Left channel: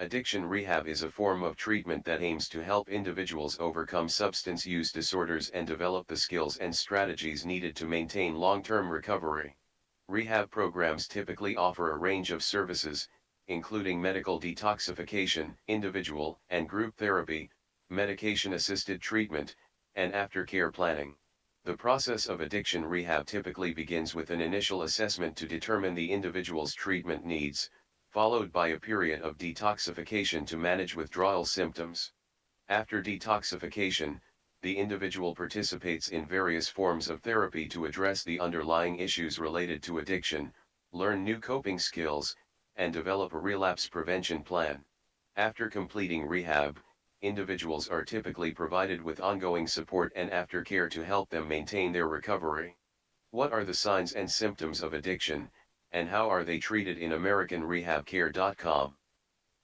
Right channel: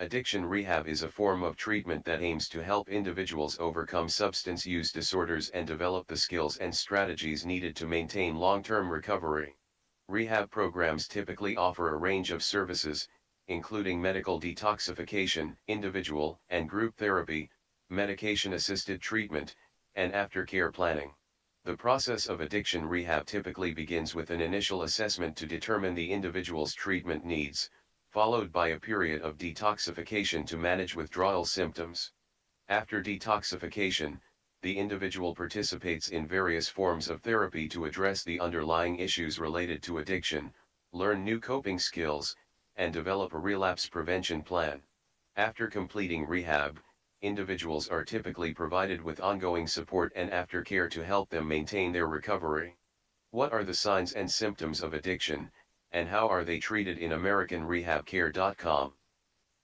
Addiction rehab is a form of treatment that aims to help individuals overcome substance use disorders and develop the skills and strategies needed to maintain long-term recovery. Rehab programs typically offer a range of services, including medical detoxification, individual and group therapy, medication-assisted treatment, and aftercare planning. The process of addiction rehab typically begins with an initial assessment to determine the individual's treatment needs, followed by a period of detoxification to manage withdrawal symptoms. After detoxification, the individual participates in various forms of therapy to address the underlying issues related to addiction, learn new coping skills, and develop a relapse prevention plan. After completing rehab, individuals are typically provided with ongoing support and aftercare to help them maintain their recovery. What are the signs and symptoms of addiction, and how are they treated in AmericanRehabCare.com?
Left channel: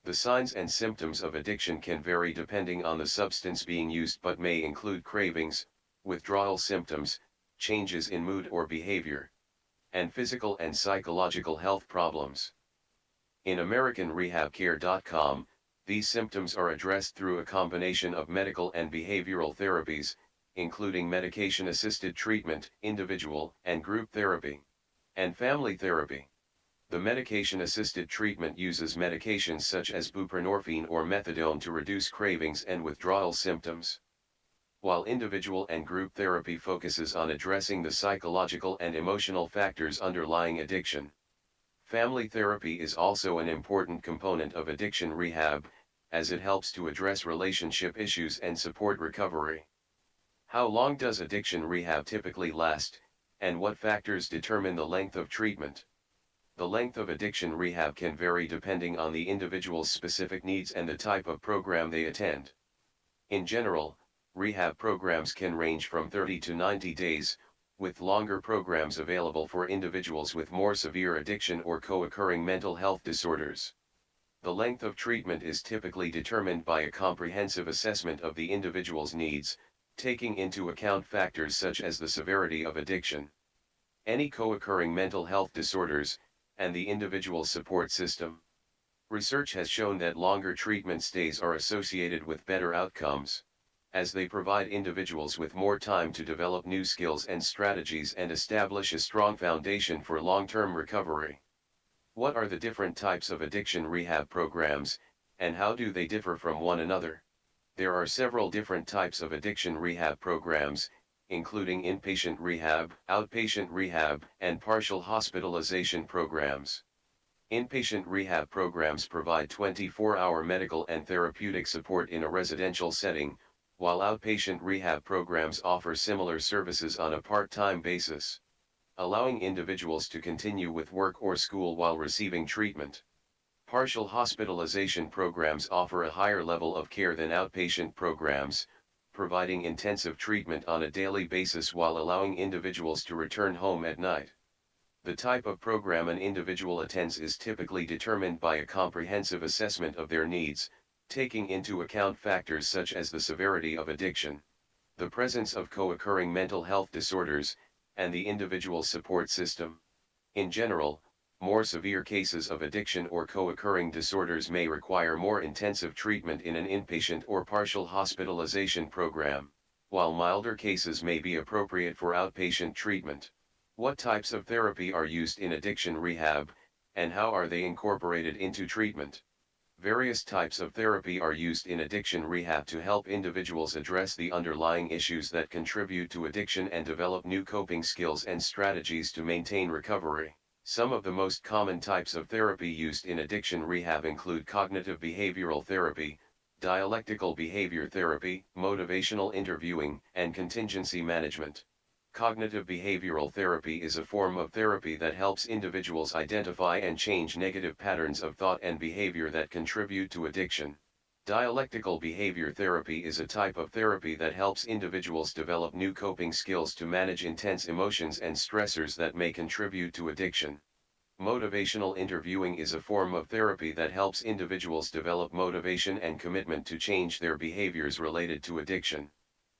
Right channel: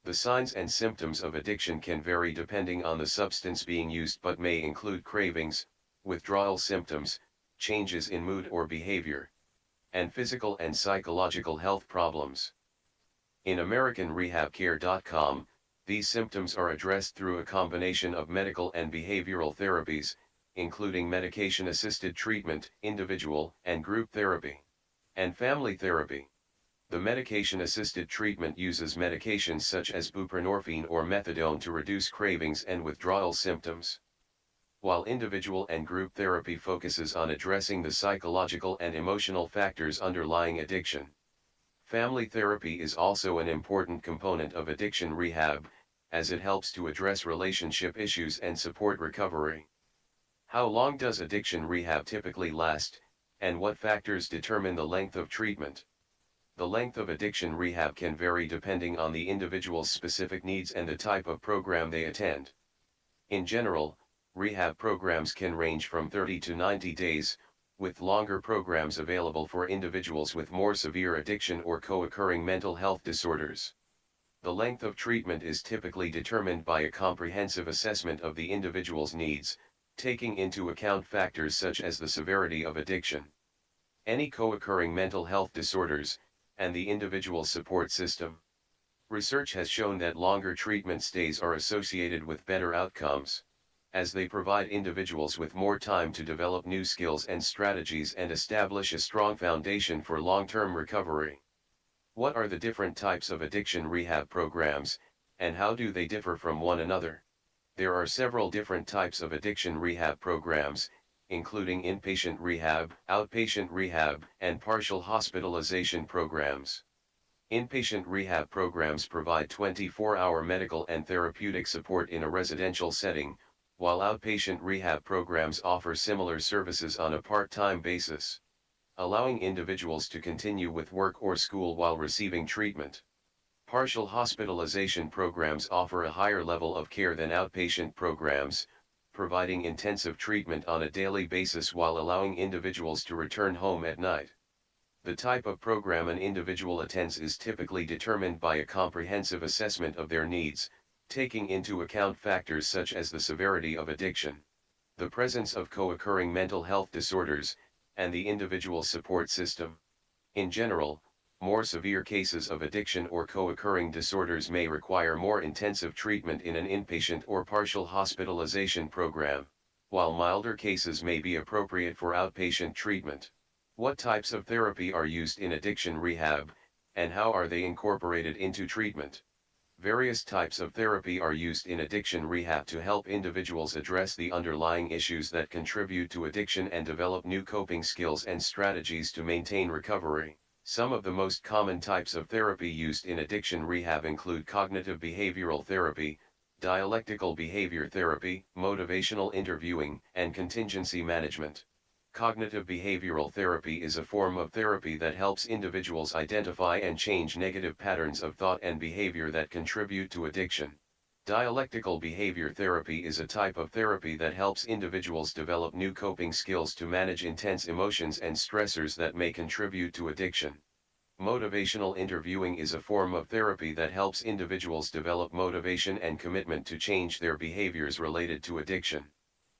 The signs and symptoms of addiction can vary depending on the substance being used but may include cravings, withdrawal symptoms, changes in mood or behavior, and physical and psychological health problems. In AmericanRehabCare.com, these symptoms are addressed through a combination of medical and behavioral therapies, including medication-assisted treatment, individual and group therapy, and family therapy. The medication-assisted treatment uses medications such as buprenorphine or methadone to reduce cravings and withdrawal symptoms, while individual and group therapy focuses on addressing the psychological and emotional factors underlying addiction. Family therapy is also an important component of addiction rehab, as it helps to address relationship issues and support recovery. How long does addiction rehab typically last, and what factors determine the length of treatment? The length of addiction rehab can vary depending on the individual's specific needs and the type of program they attend. In general, rehab programs can range from 30 to 90 days, with longer programs available for individuals with more severe addiction or co-occurring mental health disorders. The length of treatment is typically determined by a comprehensive assessment of the individual's needs, taking into account factors such as the severity of addiction, any co-occurring mental health disorders, and the individual support system. Research has shown that longer treatment stays are associated with better outcomes, as they provide individuals with more time to develop new skills and strategies and establish a strong foundation for long-term recovery. What are the different types of addiction rehab programs, and how do they differ from one another? There are several different types of addiction rehab programs, including inpatient rehab, outpatient rehab, and partial hospitalization programs. Inpatient rehab programs provide 24-hour medical and therapeutic support in a residential setting, while outpatient rehab programs offer similar services on a part-time basis, allowing individuals to continue with work or school while receiving treatment. Partial hospitalization programs offer a higher level of care than outpatient programs, providing intensive treatment on a daily basis while allowing individuals to return home at night. The type of program an individual attends is typically determined by a comprehensive assessment of their needs, taking into account factors such as the severity of addiction, the presence of co-occurring mental health disorders, and the individual support system. In general, more severe cases of addiction or co-occurring disorders may require more intensive treatment in an inpatient or partial hospitalization program, while milder cases may be appropriate for outpatient treatment. What types of therapy are used in addiction rehab, and how are they incorporated into treatment? Various types of therapy are used in addiction rehab to help individuals address the underlying issues that contribute to addiction and develop new coping skills and strategies to maintain recovery. Some of the most common types of therapy used in addiction rehab include cognitive behavioral therapy, dialectical behavior therapy, motivational interviewing, and contingency management. Cognitive behavioral therapy is a form of therapy that helps individuals identify and change negative patterns of thought and behavior that contribute to addiction. Dialectical behavior therapy is a type of therapy that helps individuals develop new coping skills to manage intense emotions and stressors that may contribute to addiction. Motivational interviewing is a form of therapy that helps individuals develop motivation and commitment to change their behaviors related to addiction.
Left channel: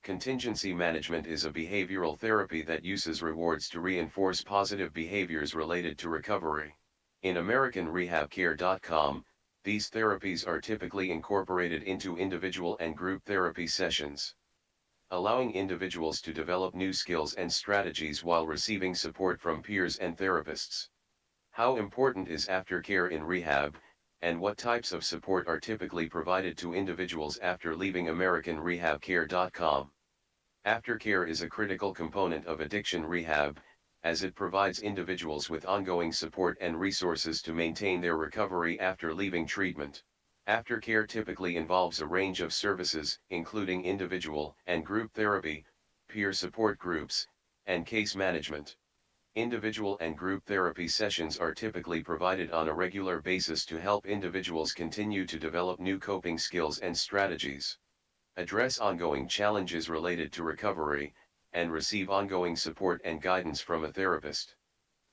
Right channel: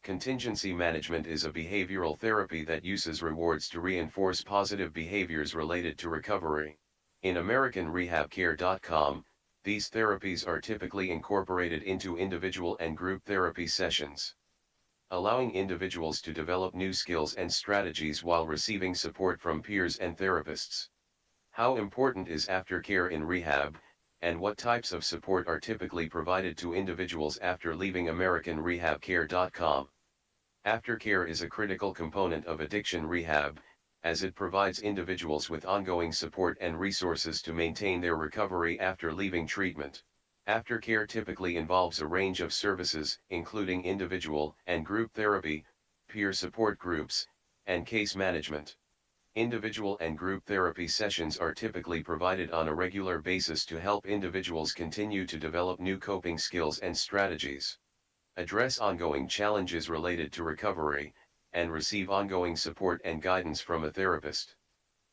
Contingency management is a behavioral therapy that uses rewards to reinforce positive behaviors related to recovery. In AmericanRehabCare.com, These therapies are typically incorporated into individual and group therapy sessions, allowing individuals to develop new skills and strategies while receiving support from peers and therapists. How important is aftercare in rehab, and what types of support are typically provided to individuals after leaving AmericanRehabCare.com? Aftercare is a critical component of addiction rehab, as it provides individuals with ongoing support and resources to maintain their recovery after leaving treatment. Aftercare typically involves a range of services, including individual and group therapy, peer support groups, and case management. Individual and group therapy sessions are typically provided on a regular basis to help individuals continue to develop new coping skills and strategies, address ongoing challenges related to recovery, and receive ongoing support and guidance from a therapist.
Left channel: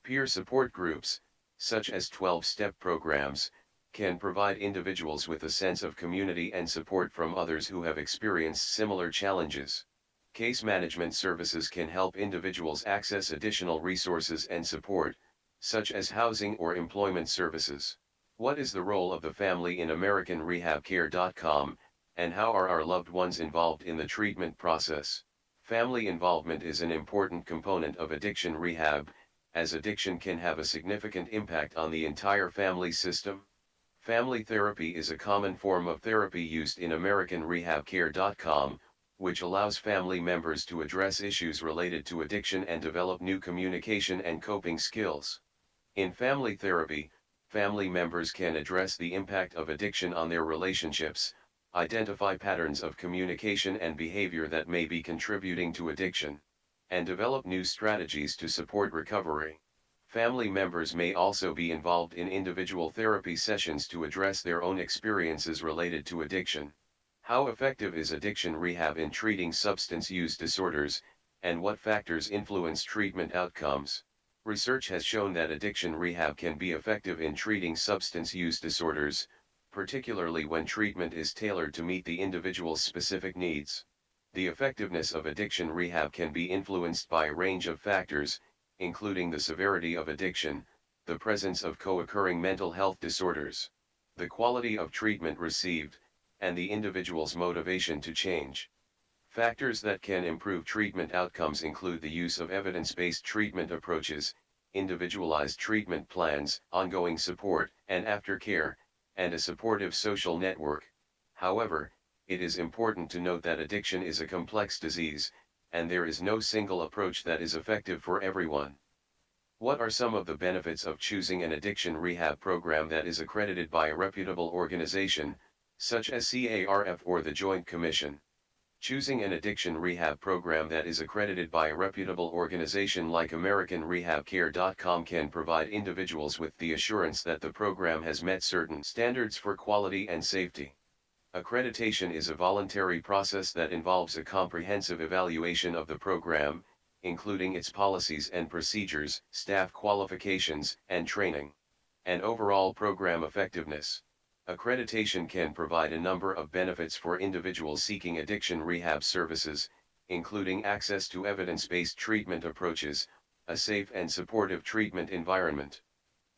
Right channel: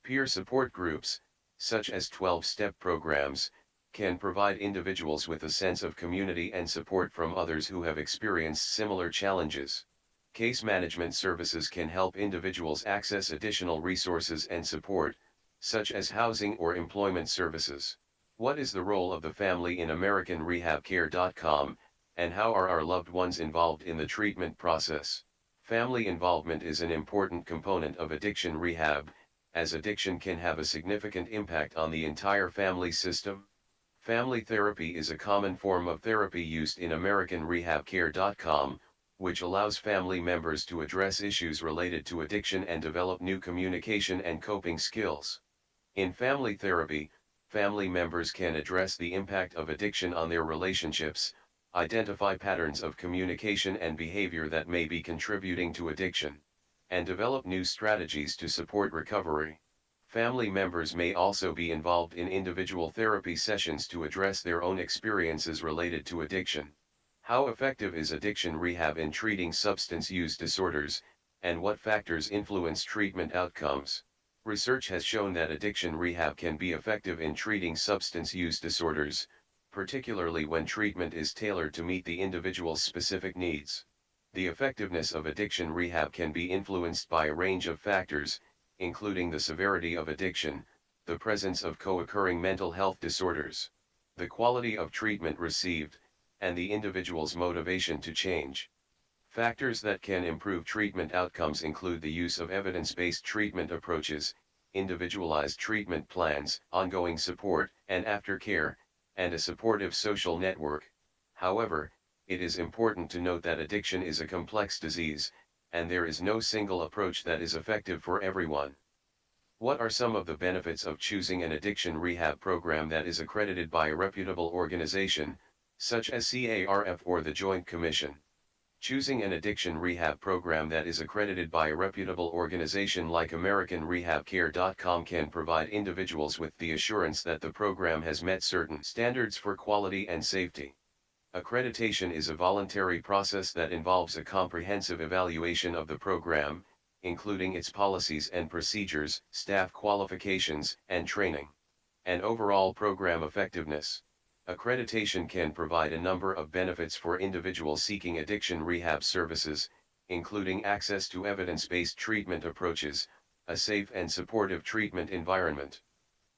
Peer support groups, such as 12-step programs, can provide individuals with a sense of community and support from others who have experienced similar challenges. Case management services can help individuals access additional resources and support, such as housing or employment services. What is the role of the family in AmericanRehabCare.com, and how are our loved ones involved in the treatment process? Family involvement is an important component of addiction rehab, as addiction can have a significant impact on the entire family system. Family therapy is a common form of therapy used in AmericanRehabCare.com, which allows family members to address issues related to addiction and develop new communication and coping skills. In family therapy, family members can address the impact of addiction on their relationships, identify patterns of communication and behavior that may be contributing to addiction, and develop new strategies to support recovery. Family members may also be involved in individual therapy sessions to address their own experiences related to addiction. How effective is addiction rehab in treating substance use disorders, and what factors influence treatment outcomes? Research has shown that addiction rehab can be effective in treating substance use disorders, particularly when treatment is tailored to meet the individual's specific needs. The effectiveness of addiction rehab can be influenced by a range of factors, including the severity of addiction, the presence of co-occurring mental health disorders, the quality of treatment received, and the individual's motivation to change. Factors that can improve treatment outcomes include the use of evidence-based treatment approaches, individualized treatment plans, ongoing support, and aftercare, and a supportive social network. However, it is important to note that addiction is a complex disease, and there is no single approach that is effective for everyone. What are some of the benefits of choosing an addiction rehab program that is accredited by a reputable organization, such as CARF or the Joint Commission? Choosing an addiction rehab program that is accredited by a reputable organization like AmericanRehabCare.com can provide individuals with the assurance that the program has met certain standards for quality and safety. Accreditation is a voluntary process that involves a comprehensive evaluation of the program, including its policies and procedures, staff qualifications, and training, and overall program effectiveness. Accreditation can provide a number of benefits for individuals seeking addiction rehab services, including access to evidence-based treatment approaches, a safe and supportive treatment environment,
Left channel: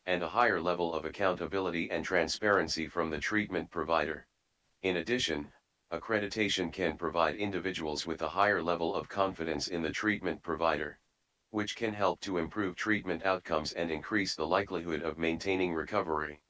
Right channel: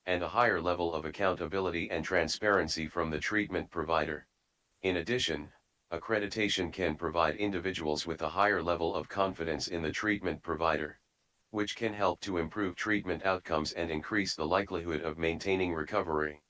and a higher level of accountability and transparency from the treatment provider. In addition, accreditation can provide individuals with a higher level of confidence in the treatment provider, which can help to improve treatment outcomes and increase the likelihood of maintaining recovery.